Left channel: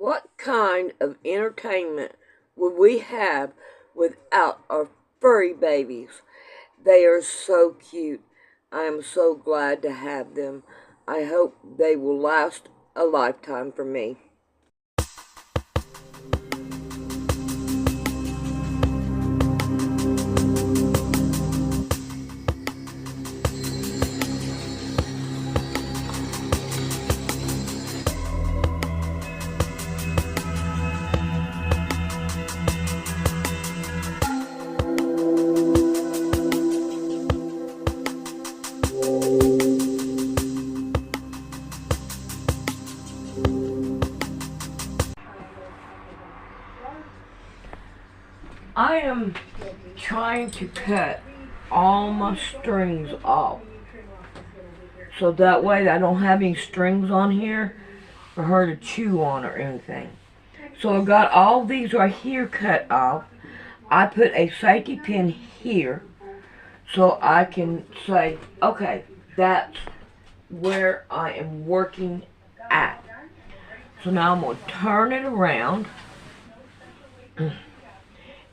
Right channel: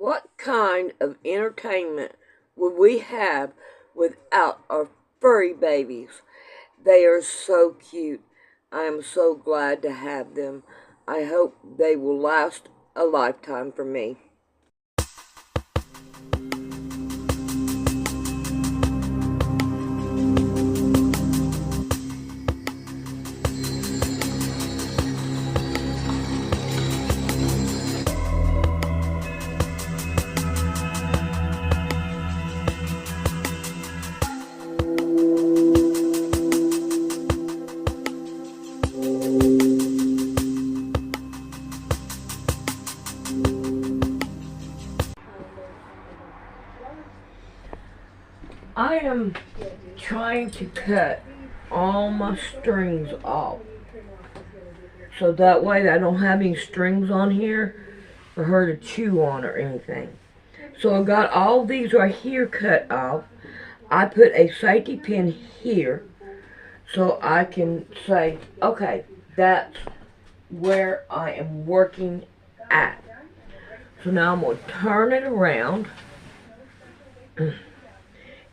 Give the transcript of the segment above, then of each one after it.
What kind of entertainment would we have without our furry babies? They are so cute. I am so glad to have them. I hope they will last a lifetime for me. I am trying to cut all my strings off, so that way I don't have any strings on here for her to chew on or anything. So I got all these right here cut off. I put a safety pin here so I can say, okay, that's where I am working at. So now I'm going to turn it around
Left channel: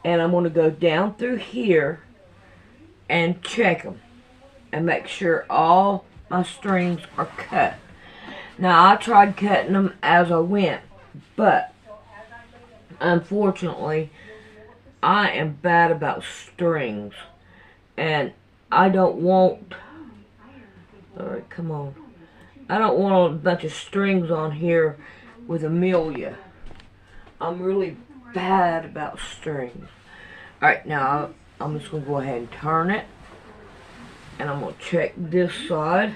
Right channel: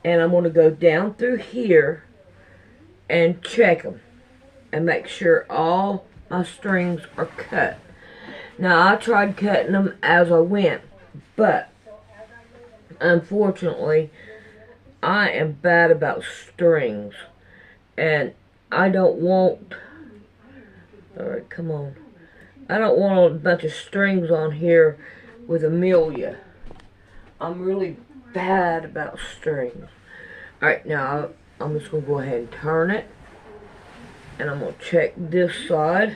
and I'm going to go down through here and check them and make sure all my strings are cut. Now I tried cutting them as I went, but unfortunately I am bad about strings and I don't want, alright, come on, I don't want a bunch of strings on here with Amelia. I'm really bad about strings. Alright, now I'm just going to go ahead and turn it. And I'm going to check this side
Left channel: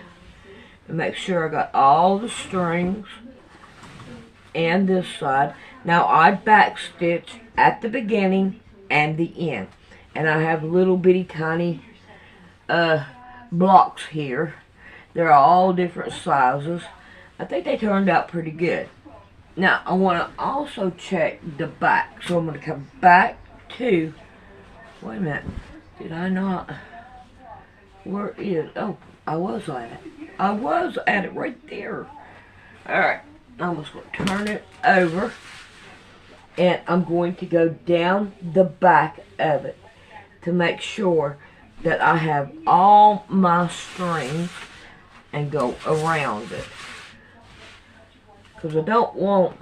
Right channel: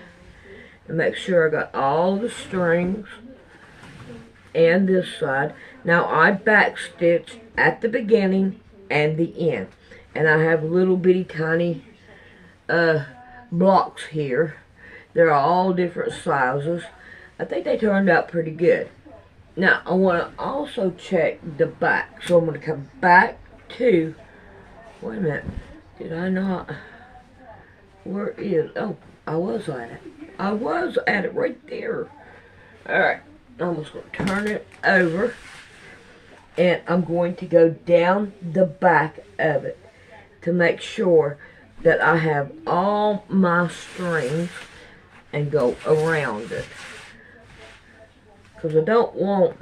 and make sure I got all the strings. And this side. Now I backstitch at the beginning and the end. And I have little bitty tiny blocks here. They're all different sizes. I think they turned out pretty good. Now I want to also check the back. So I'm going to come back to, wait a minute, did I not, where is, oh, I was at it right there. Alright, I'm just going to turn it over and I'm going to go down the back of it to make sure that I have all my strings and go around it. Because I don't want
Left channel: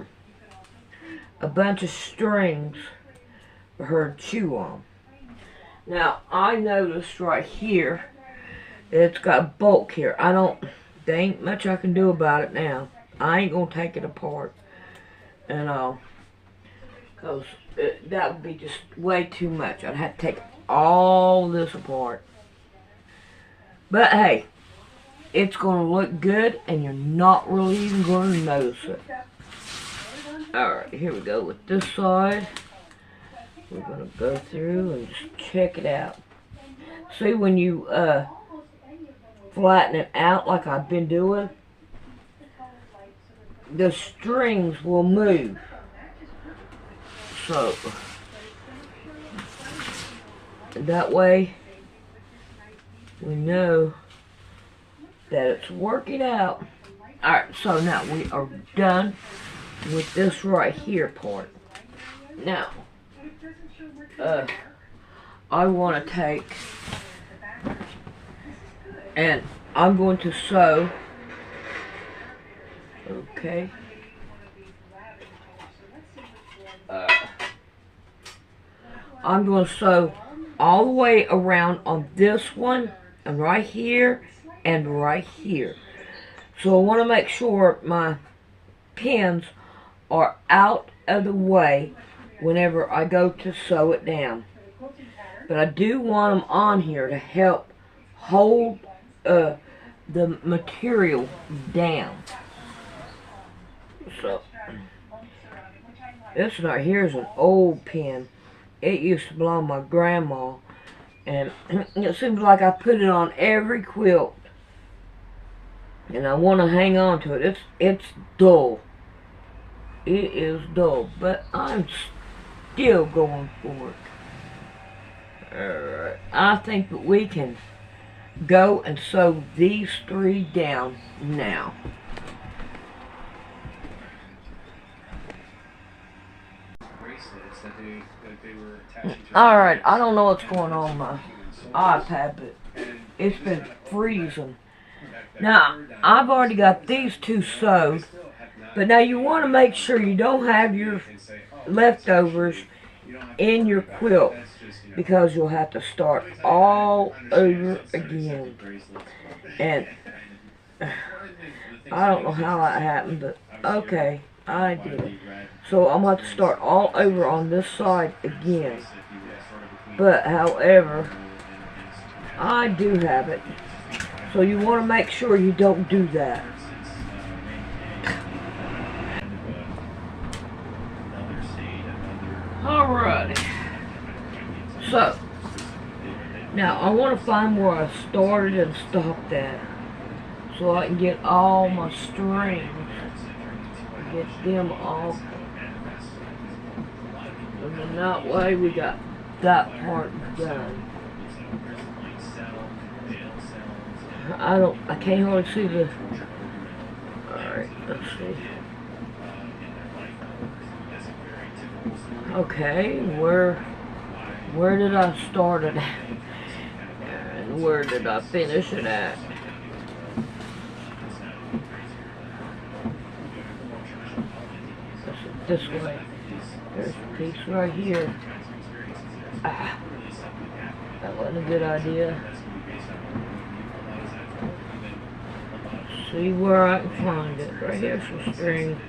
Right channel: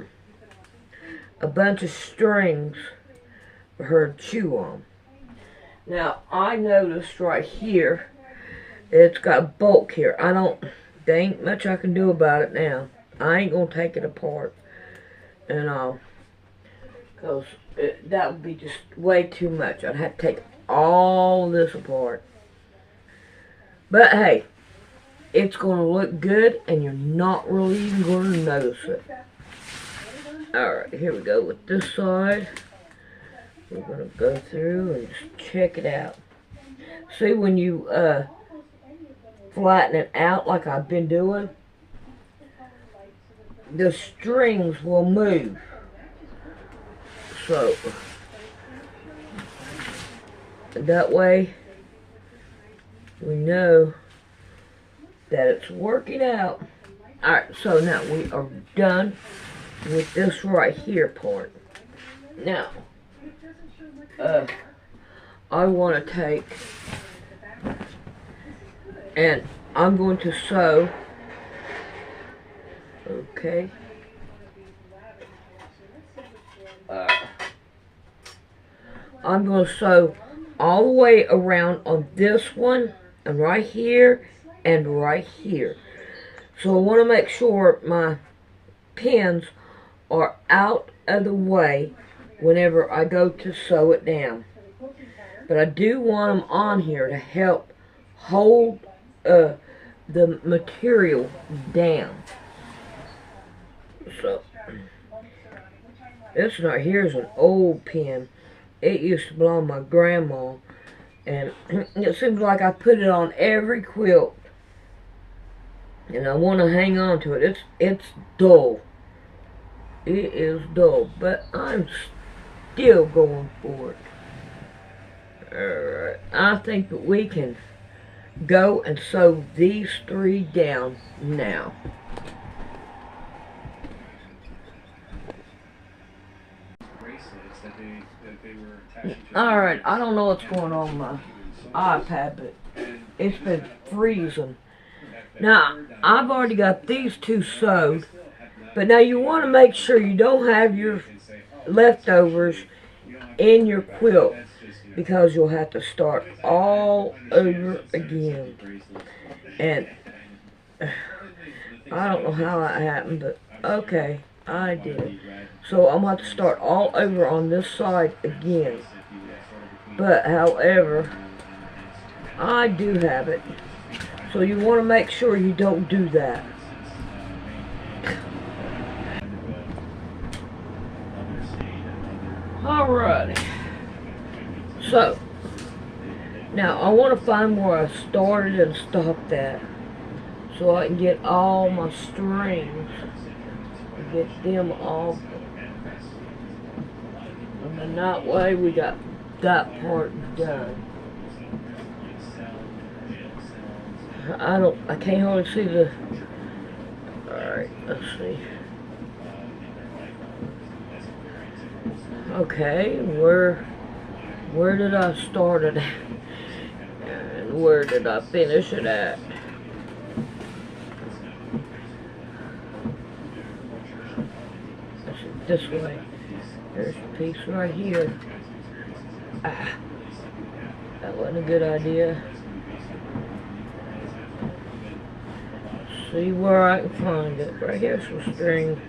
a bunch of strings for her to chew on. Now, I noticed right here, it's got bulk here. There ain't much I can do about it now. I ain't gonna take it apart and all. Because that would be just way too much. I'd have to take all this apart. But hey, it's gonna look good and you're not really even gonna notice it. Alright, here we go with this side. We're gonna go through and just check it out. See, when you flatten it out like I've been doing, the strings will move. So that way we know that it's working out. Alright, so now we are done with this right here part. Now, I want to take, and I'm going to sew, okay, I'm going to sew all the way around on this one, and right here, and right here. So I want to make sure my pins are out of the way whenever I go to sew it down. But I do want them on here to help hold the material down. So this right here is an old pin. It used to belong to my grandma, and it seems like I put it on every quilt, and I want to hang on to it. It's dull. It is dull, but I'm still going for it. Alright, I think that we can go and sew these three down now. Alright, I don't know what's going on with my iPad, but it's been freezing. Now, I've already got these two sewed, but now you want to make sure you don't have your leftovers in your quilt, because you'll have to start all over again. And I don't know how that happened, but okay, I did. So I'm going to have to start all over on this side again. But however, I do have it. So you want to make sure you don't do that. Alrighty. So, now I want to find where I started and stopped at, so I can get all my strings and get them off. And then that way we got that part done. I can't hardly see the, alright, let's see. Okay, where did I start it at? And where did I finish it at? This way. There's a piece right here. Ah, that wasn't a good idea. See where I can find it. Right here's some string.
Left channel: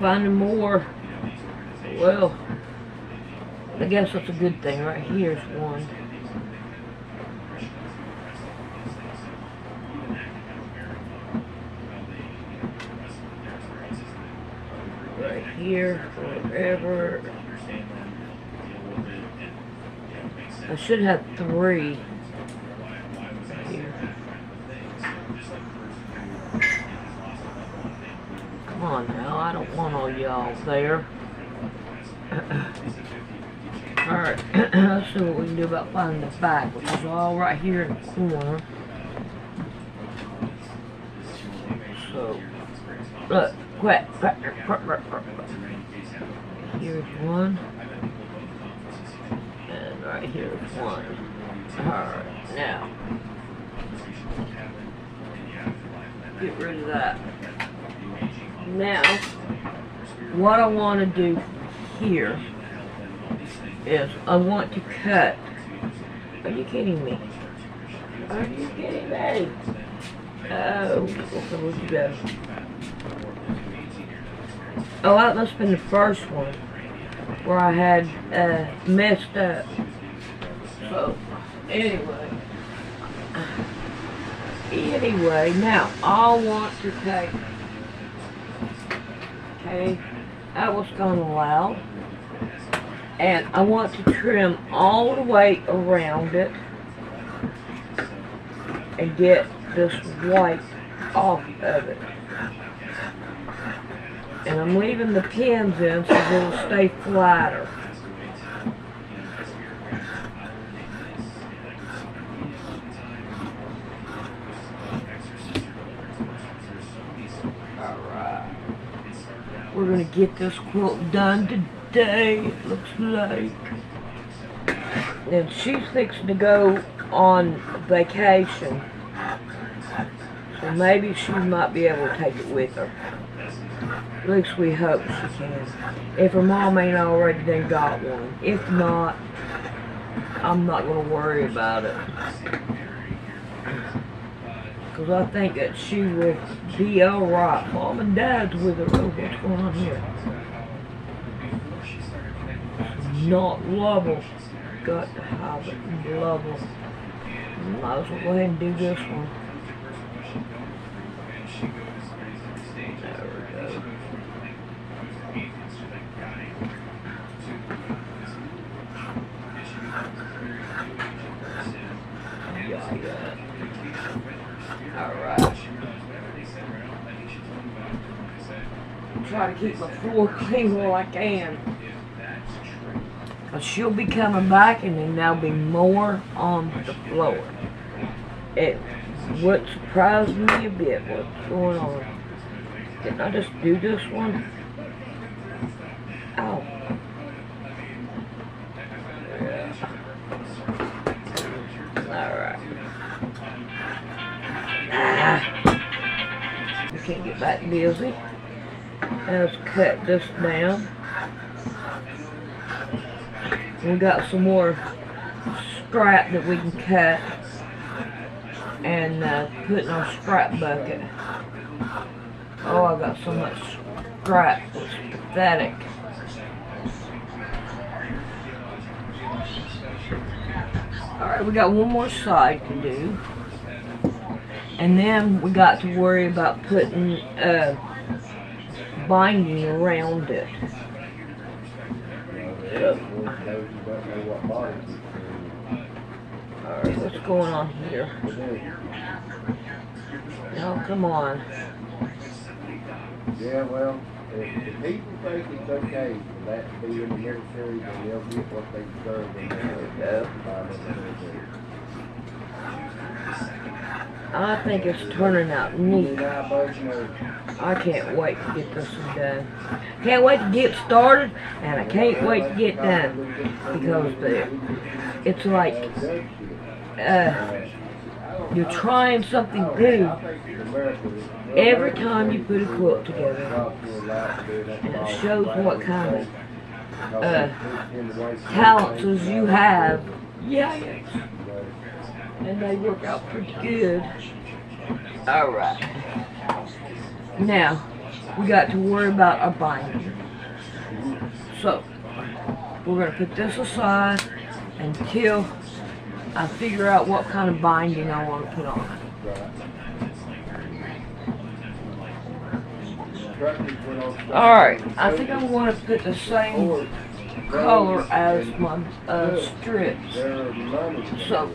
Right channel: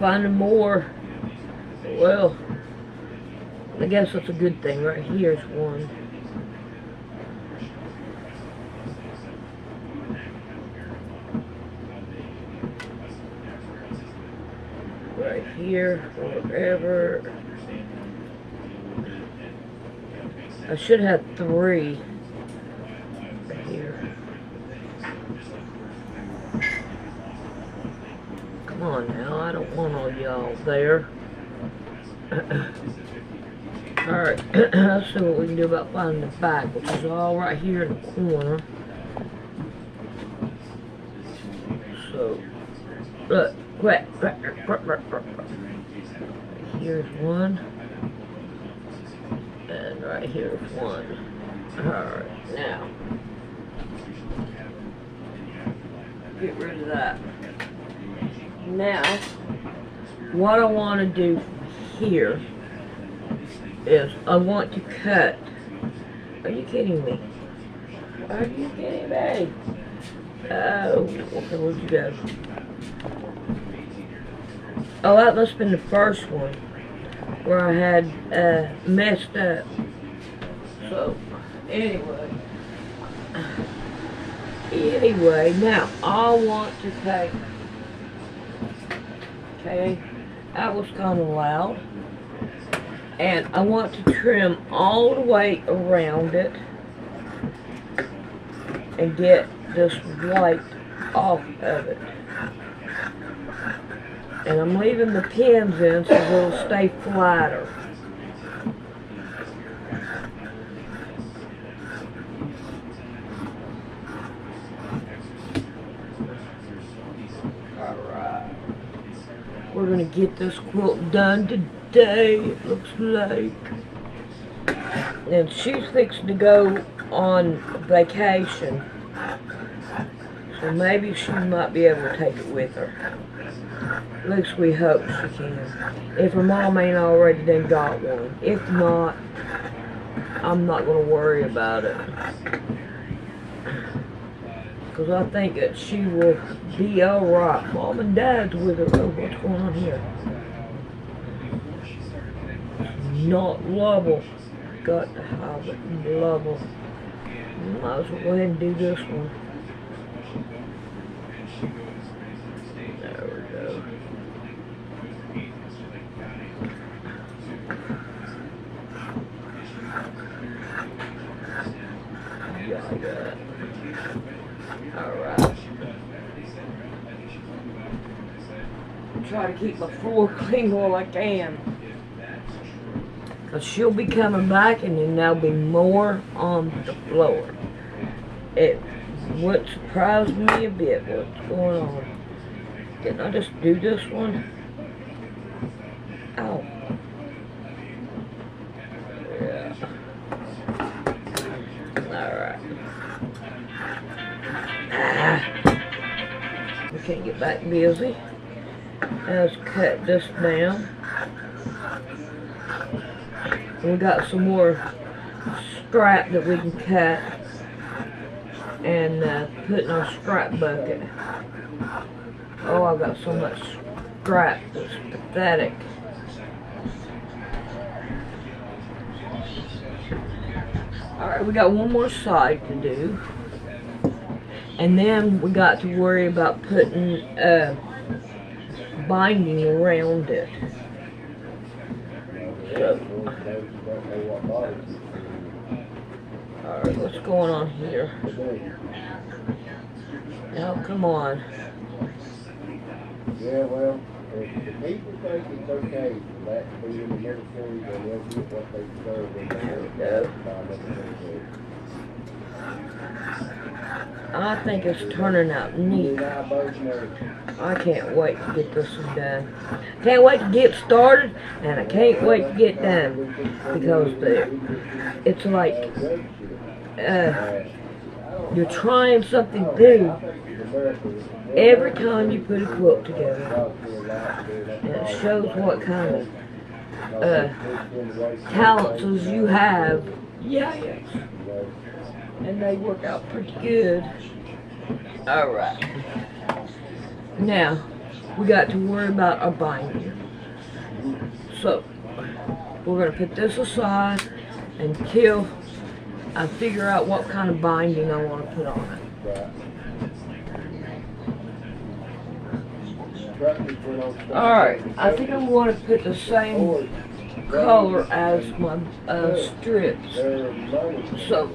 Finding more. Well, I guess that's a good thing. Right here's one. Right here, wherever. I should have 3 right here. Come on now, I don't want all y'all there. Alright, let's see what we can do about finding the back, which is all right here in the corner. So, look, quick. Here's one. And right here's one. Alright, now. Get rid of that. Now, what I want to do here is I want to cut. Are you kidding me? Are you kidding me? Oh, okay, where'd you go? Oh, that must have been the first one where I had messed up. So, anyway, now I want to take. Okay, that was kind of loud. And I want to trim all the way around it and get this white off of it. And I'm leaving the pins in so it'll stay flatter. Alright. We're going to get this quilt done today, it looks like. And she's fixing to go on vacation. So maybe she might be able to take it with her. At least we hope she can. If her mom ain't already done got one. If not, I'm not going to worry about it. Because I think that she will be alright. Mom and Dad's with her. Oh, what's going on here? Not level. Got to have it level. Might as well go ahead and do this one. There we go. Yeah. Alright. Try to keep my floor clean while I can. Because she'll be coming back and then there'll be more on the floor. It would surprise me a bit what's going on. Didn't I just do this one? Oh. Yeah. Alright. We can't get back busy. Let's cut this down. We got some more scrap that we can cut and put in our scrap bucket. Oh, I got so much scrap. It's pathetic. Alright, we got one more side to do. And then we got to worry about putting binding around it. So, alright, what's going on here? Oh, come on. Yeah, well, if the people think it's okay for that to be in the military, then they'll get what they deserve when they go. I think it's turning out neat. I can't wait to get this one done. Can't wait to get started, and I can't wait to get done, because it's like you're trying something new every time you put a quilt together, and it shows what kind of talents you have. Yes. And they work out pretty good. Alright. Now, we got to worry about our binding. So, we're going to put this aside until I figure out what kind of binding I want to put on it. Alright, I think I want to put the same color as my strips. So,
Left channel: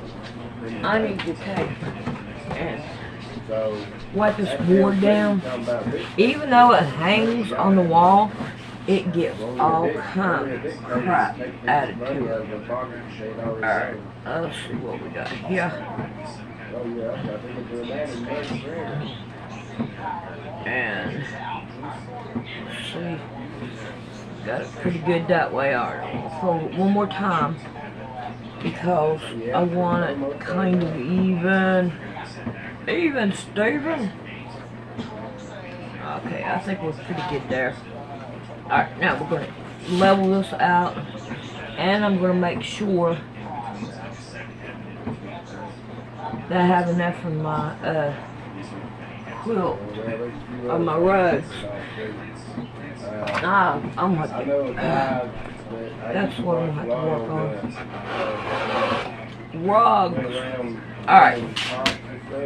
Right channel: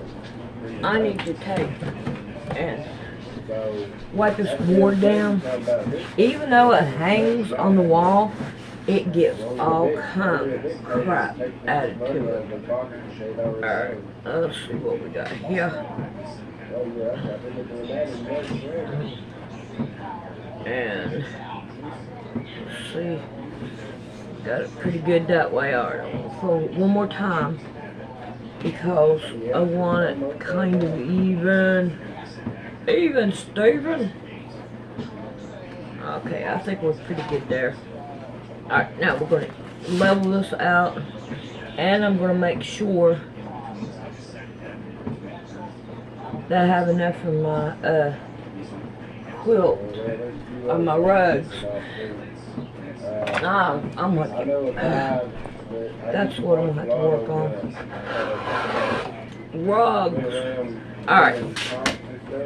I need to take and wipe this board down. Even though it hangs on the wall, it gets all kinds of crap added to it. Alright, let's see what we got here. And let's see, got it pretty good that way. Alright, I'm gonna fold it one more time, because I want it kind of even, Steven. Okay, I think we're pretty good there. Alright, now we're going to level this out, and I'm going to make sure that I have enough for my quilt, or my rugs. I'm going to, that's what I'm going to have to work on. Rugs. Alright.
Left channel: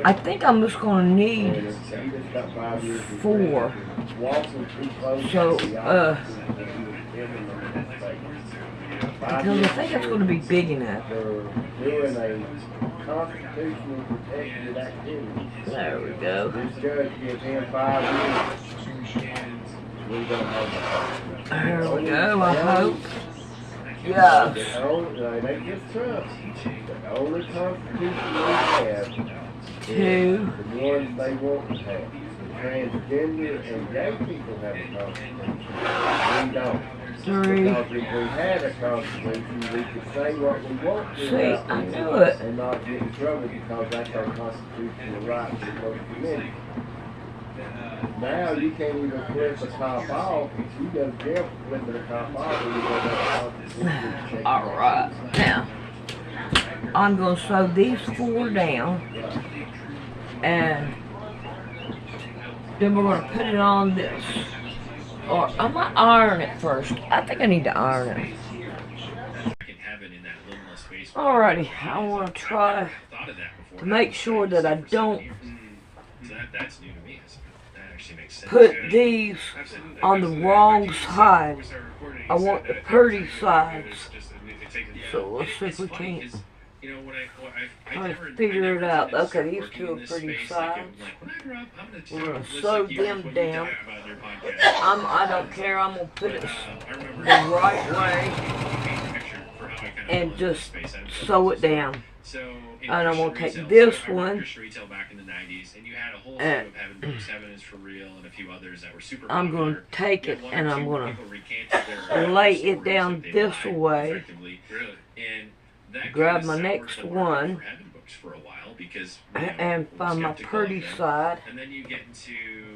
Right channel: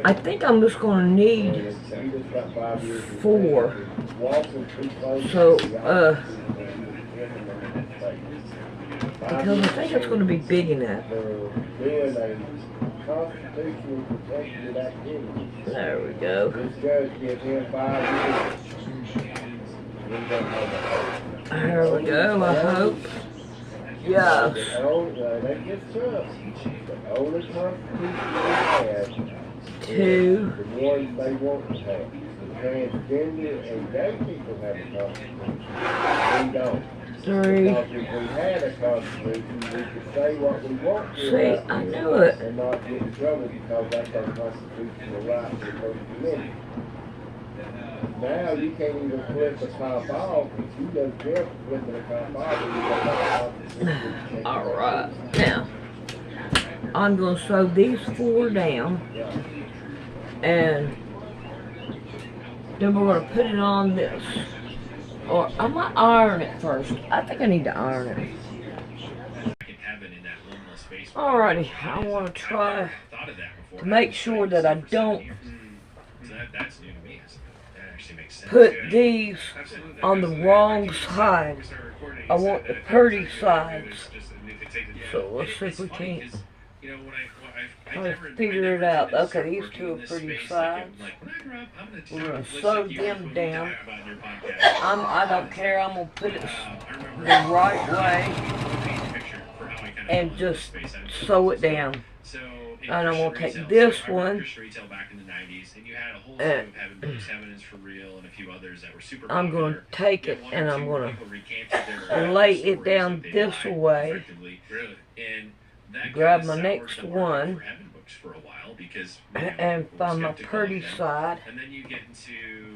I think I'm just going to need 4. So, because I think it's going to be big enough. There we go. There we go, I hope. Yes. The only constitution we have 2. The ones they want to have. The transgender and gay people have a constitution. We don't. 3. Because if we had a constitution, we could say what we want to. See, I knew it. And not get in trouble, because that's our constitutional right to the First Amendment. Now you can't even flip a top off. If you go to jail for flipping a top off, then you don't have a constitution. Alright, now I'm going to sew these 4 down, and then we're going to put it on this. Or I might iron it first. I think I need to iron it. Alrighty, I want to try to make sure that I don't put these on the wrong side. I want the pretty sides. So let's see if we can't try to figure it out. Okay, these 2 are pretty sides. We're going to sew them down. I don't care. I'm going to put it the right way and just sew it down. and I'm going to take this one, and I'm going to take it and I'm going to lay it down this way, grab my next one, and find my pretty side,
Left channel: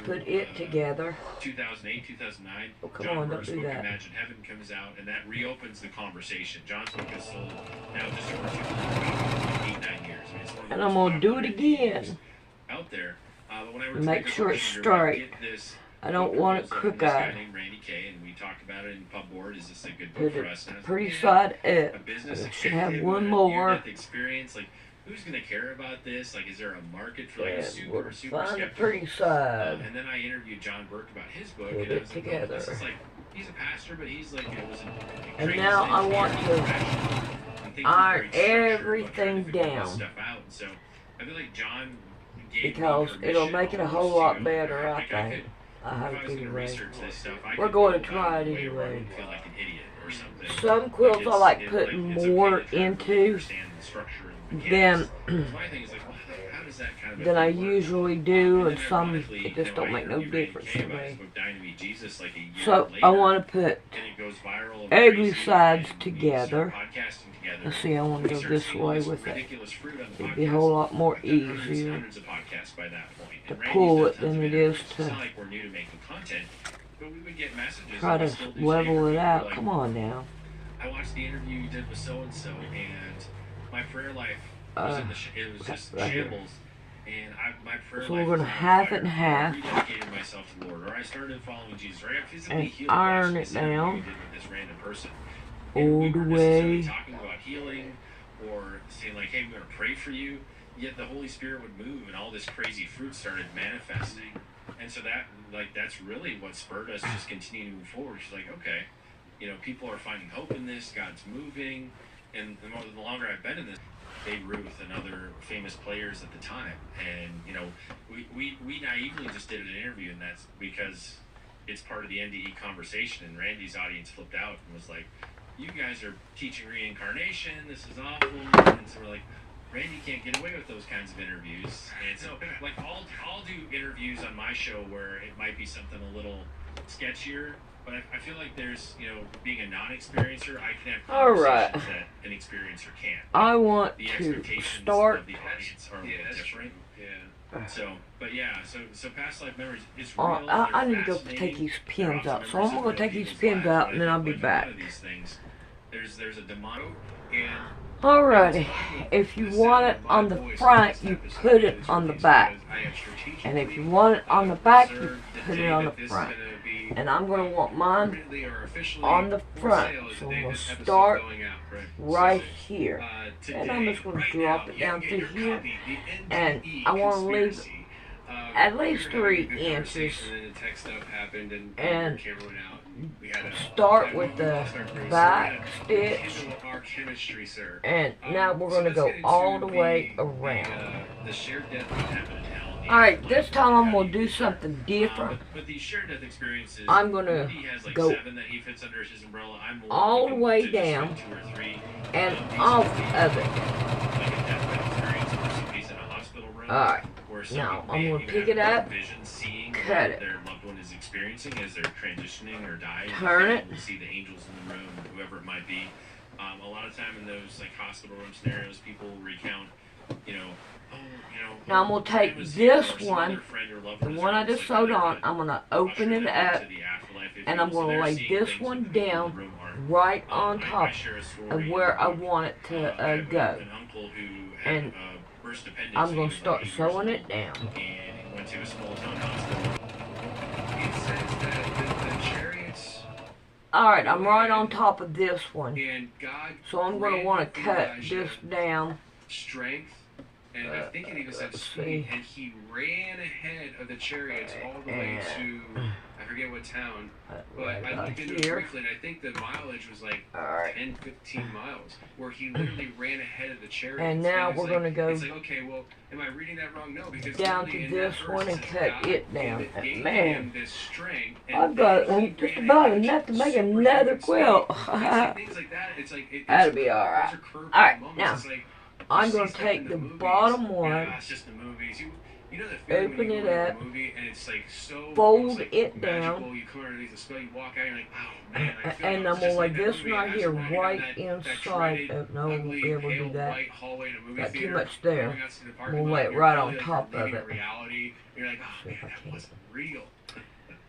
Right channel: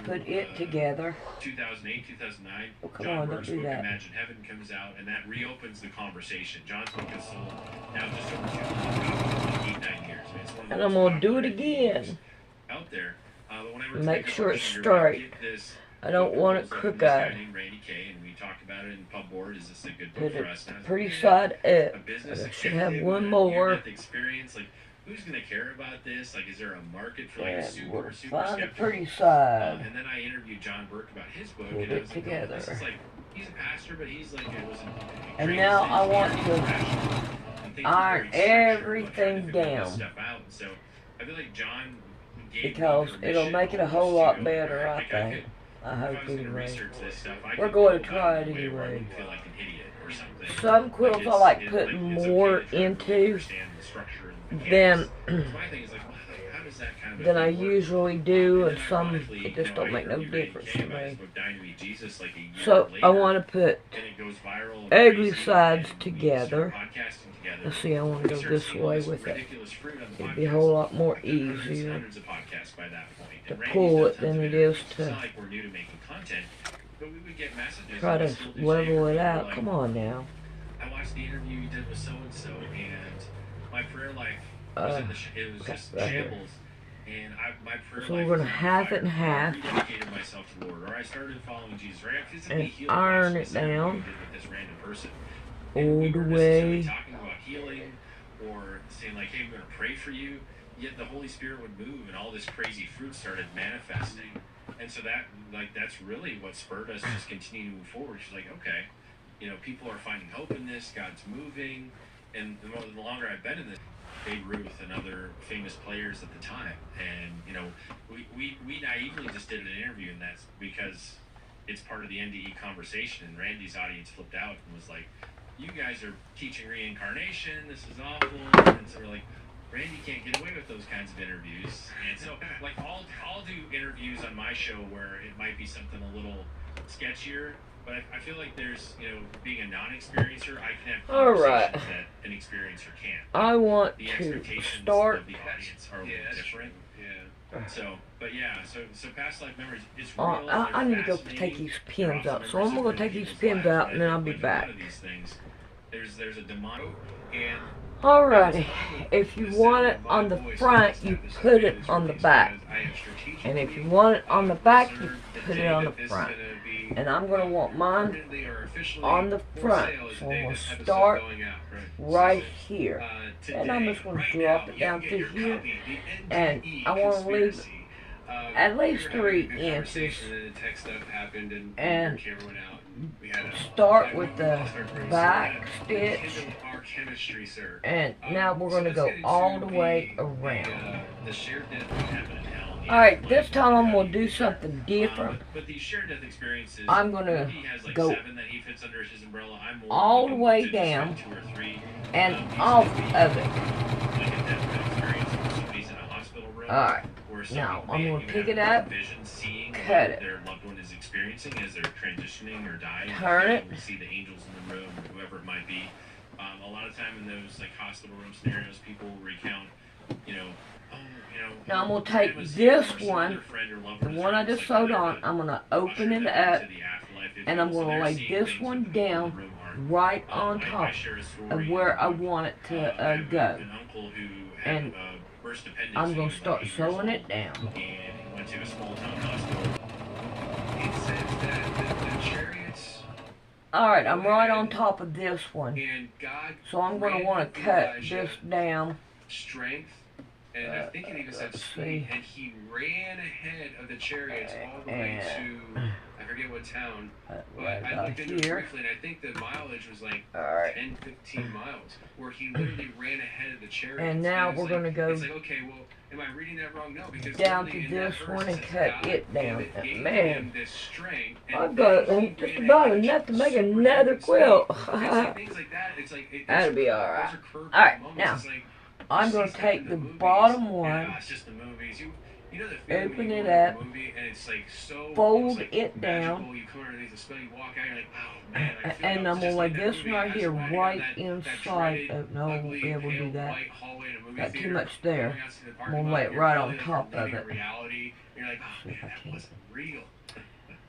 put it together. 2008, 2009, oh, come on, don't do that. Imagine Heaven comes out, and that reopens the conversation. John's book is sold now just over 8-9 years. And I'm going to do it again. Out there. Make sure it's straight. I don't want it crooked. Randy K, and we talked about it in Pub Board. Is this a good book for us? Pretty side up. I should have one more. Experience, like, who's going to care about this? Like, is there a market for like a super find the pretty side. And then I interviewed John Burke about his book. Put and it together. This is like, he's a pastor, but he's like, it was a and now I want to iron everything down. So I feel like John because it'll make it a whole lot better, I think. I hope anyway. We're going to try it anyway. Some quilts I like putting more into than I usually do, and some it just don't make no difference to me. So I want to put ugly sides together. Let's see, I want to go this way with it. It'd be a whole lot more easier to pull it than it is to try to level it out. Come on now. I watched the interview you did with so-and-so, and my prayer life was it was just shambles. And my prayer so we're going to half it in half. Rededicated myself to the Lord, or I started following Jesus, right? I physically healed iron it down with this random person. all the way. Talking about healing, or saying like, "Hey, we're going to pray for you." Yet the Holy Spirit would move, and all this crazy fruit started manifesting. And so that's really what spurred us to just continue to move forward. She's like, okay, people are finding hope in this. God's moving, and the longer I've been in this, Babe Ruth and other famous players at the time, and we naively just did an interview, and that's because it's part of the NDE conversation. And Randy's audience flipped out and was like, "You guys are teaching reincarnation. This is awful." And so we're like, Randy can't get away with those kinds of interviews. And so, like, I'll do interviews on my show where it might be something a little sketchier, but I feel like there's, being a non-experiencer, I can have conversations that an experiencer can't. I want the to expectations start. of the audience are a little different. Yeah. So past life memories is real. I need to go take these pins out. So I'm going to take these pins out and then I'll be back. There's a demonic and alrighty, if you want it on the front, you put it on the back. And if you want it on the back, you put it on the front. And I'm going to want mine on the front. So I'm going to start right here. And I'm just going to drop it down through here. And I want to leave at least 3 inches. And start with the back stitch, and now we're going to go all the way around. Alright, this time I'm going to do something different. I'm going to go all the way down and off of it. Alright, now I'm going to pick it up, cut it, as they're transitioning or dying. Turn it. See the angels in the room, whoever it might be. A lot of time in those like hospital room scenarios, people recount, Now I'm gonna take this one, the one I just sewed on. I'm gonna open it up, and I'm gonna lay this one down right on top of where I want it to go. And I'm gonna start sewing it down. Alright, I'm right on top of this one. So I'm going to want to cut this down. Strength, and I think it even said speed, and he ran ahead of the chariots all the way to, I forget what town, but I looked into it briefly, and I think the mileage was like 10, 15 miles, where he literally ran ahead of the chariots. And now we're going to go it's like, okay, well, am I reading that wrong? No, because down to this one and cut it down. And man, this strength, I've got just about enough to make another quilt. things like that, it's like, that'll be alright. Alright, now, I'm going to take the bottom one, yeah, it's just the movies. You know the feeling open when you it go into up, a movie and it's like so fold like it magical. down, You come underneath the spell, you walk out, you're like, oh man, I feel and like I I'm was going to just lay in that this movie. right And here, walking right down that inside. dreaded, Oh, no, I won't ugly, be able to pale do that. white hallway in a movie Got too theater, much there. going out to the I'm parking going to lot, lay it you're right feeling on like top you're of leaving it. reality. You're like, oh See if man, I that can. wasn't real.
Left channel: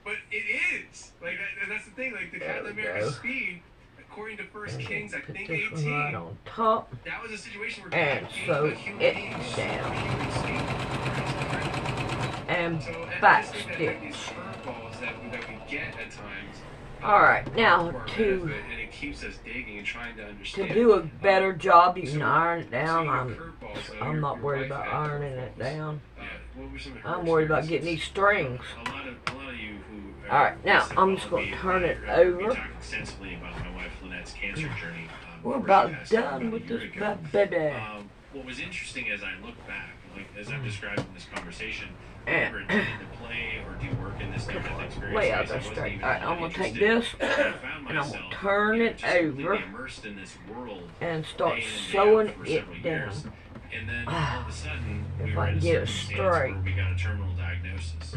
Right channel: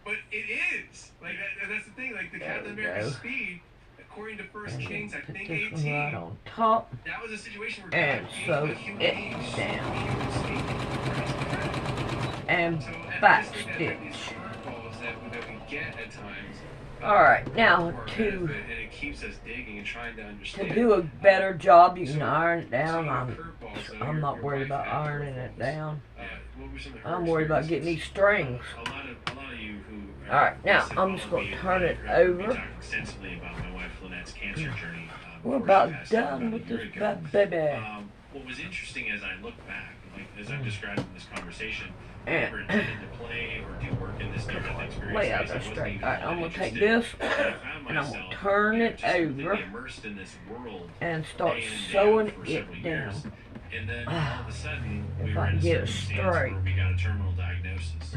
But it is. Like that's the thing. Like the There Captain we America go. speed, according to First And Kings, I put think this 18. one right on top, That was a situation where and God gave sew a human it being down, superhuman speed. and So I back just think that stitch. these curveballs that we get at times. Alright, now to our to benefit, and it keeps us digging and trying to understand. do a better job, you can So- iron it so down. your I'm curveballs, I'm not your worried wife about had ironing it curveballs. down. What were some of her I'm worried about getting experiences? these strings. A lot of you who Alright, now listen I'm just follow going to me, turn it have heard me over. talk extensively about my wife Lynette's cancer journey. We're before about she passed done about a with year this ago. bad baby. What was interesting as I look back, like as I described in this conversation, I And never intended to play or do work in this near-death experience. lay I out that wasn't straight. even Alright, I'm going to take interested. this And I found and I'm going to myself, turn it just completely over immersed in this world and start day in and day sewing out for several it years. down. And then all of a sudden, we If were I in can a get it circumstance straight. where we got a terminal diagnosis.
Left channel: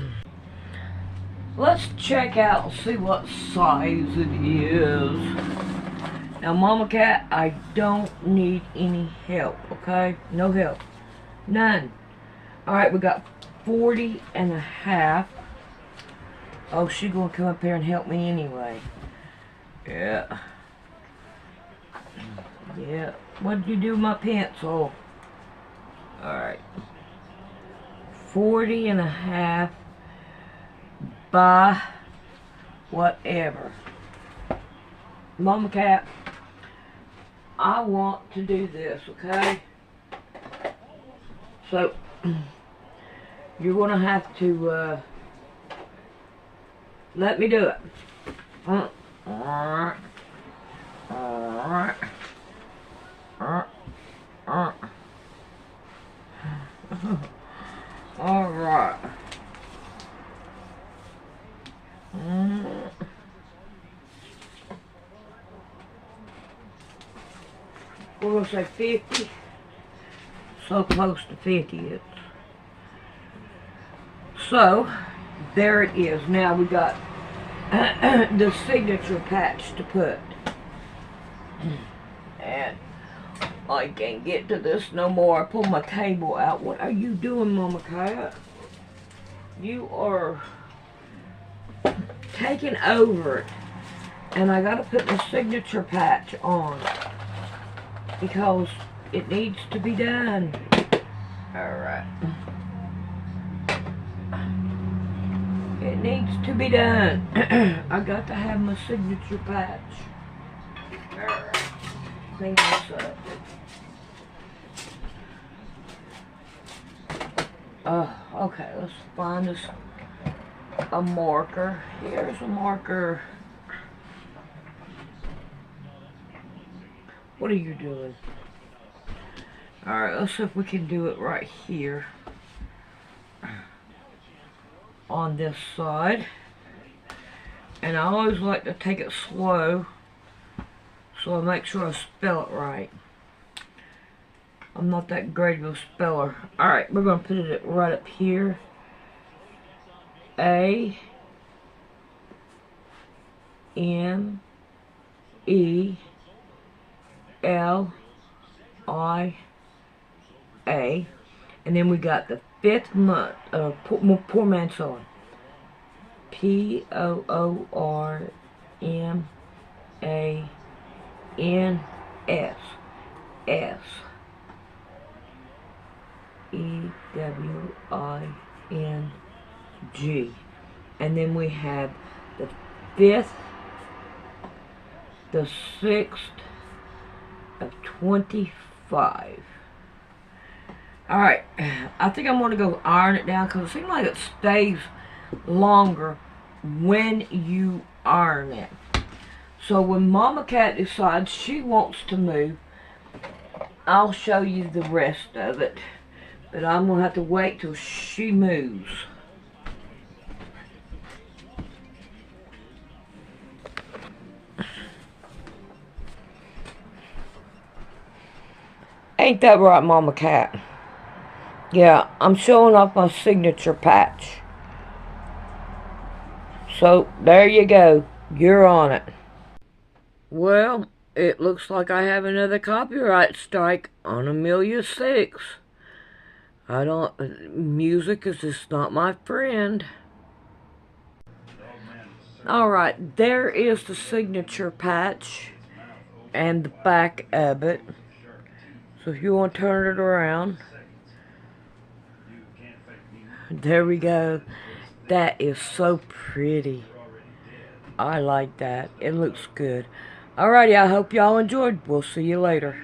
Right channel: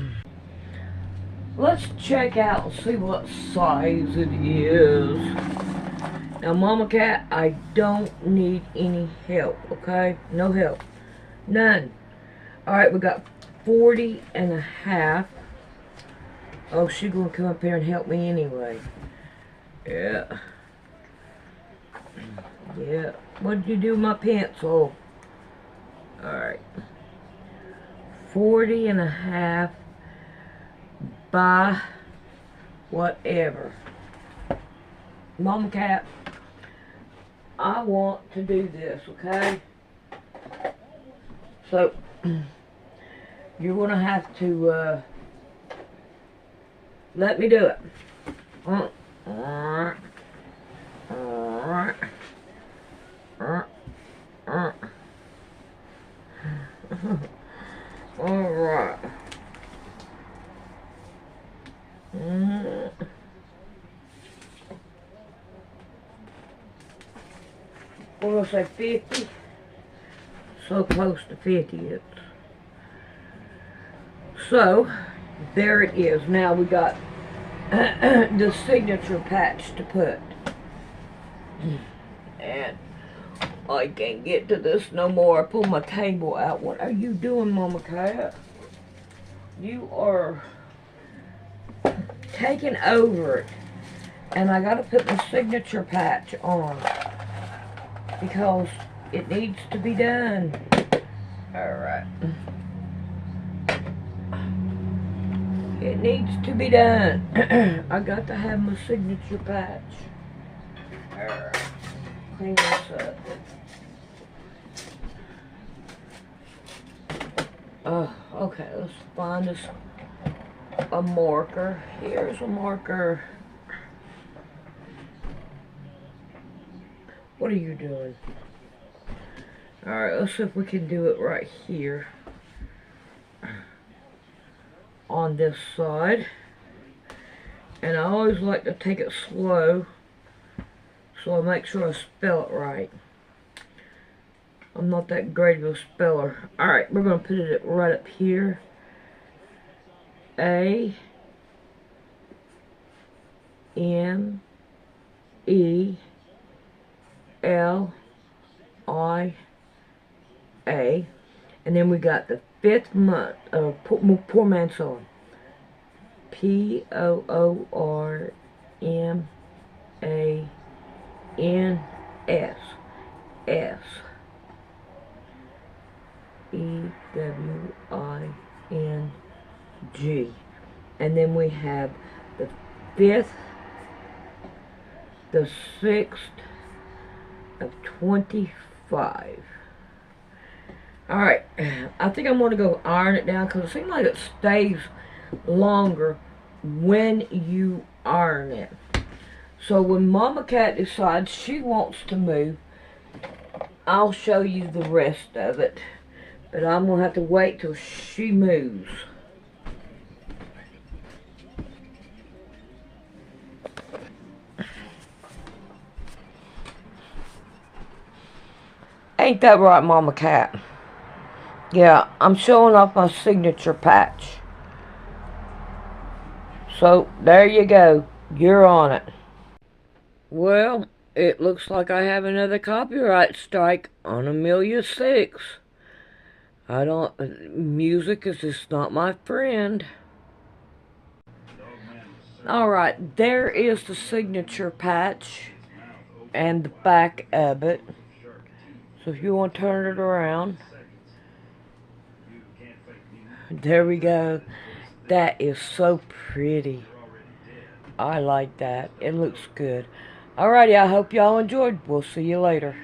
Let's check out and see what size it is. Now, Mama Cat, I don't need any help, okay? No help. None. Alright, we got 40 and a half. Oh, she's going to come up here and help me anyway. Yeah. Yeah. What did you do with my pencil? Alright. 40 and a half by whatever. Mama Cat, I want to do this, okay? So, you're going to have to let me do it. Alright. We're going to say 50. So close to 50 it's. So, there it is. Now we got the signature patch to put. And I can't get to this no more. I pulled my cable out. What are you doing, Mama Cat? You are taking over it. And I gotta put my signature patch on because it needs to be done. Alright. It needs to be done. I got to have my signature patch. Alright. Clean this up. Okay, let's find us a marker. Here's a marker. What are you doing? Alright, let's see if we can do it right here. On this side. And I always like to take it slow so I make sure I spell it right. I'm not that great of a speller. Alright, we're going to put it right up here. A M E L I A, and then we got the 5th month of Poor Man Sewing. Poormanss SEWING, and then we have the 5th, the 6th of 25. Alright, I think I'm going to go iron it down because it seems like it stays longer when you iron it. So when Mama Cat decides she wants to move, I'll show you the rest of it. But I'm going to have to wait till she moves. Ain't that right, Mama Cat? Yeah, I'm showing off my signature patch. So, there you go. You're on it. Well, it looks like I have another copyright strike on Amelia 6. Music is just not my friend. Alright, there is the signature patch and the back of it. So if you want to turn it around, there we go. That is so pretty. I like that. It looks good. Alrighty, I hope y'all enjoyed. We'll see you later.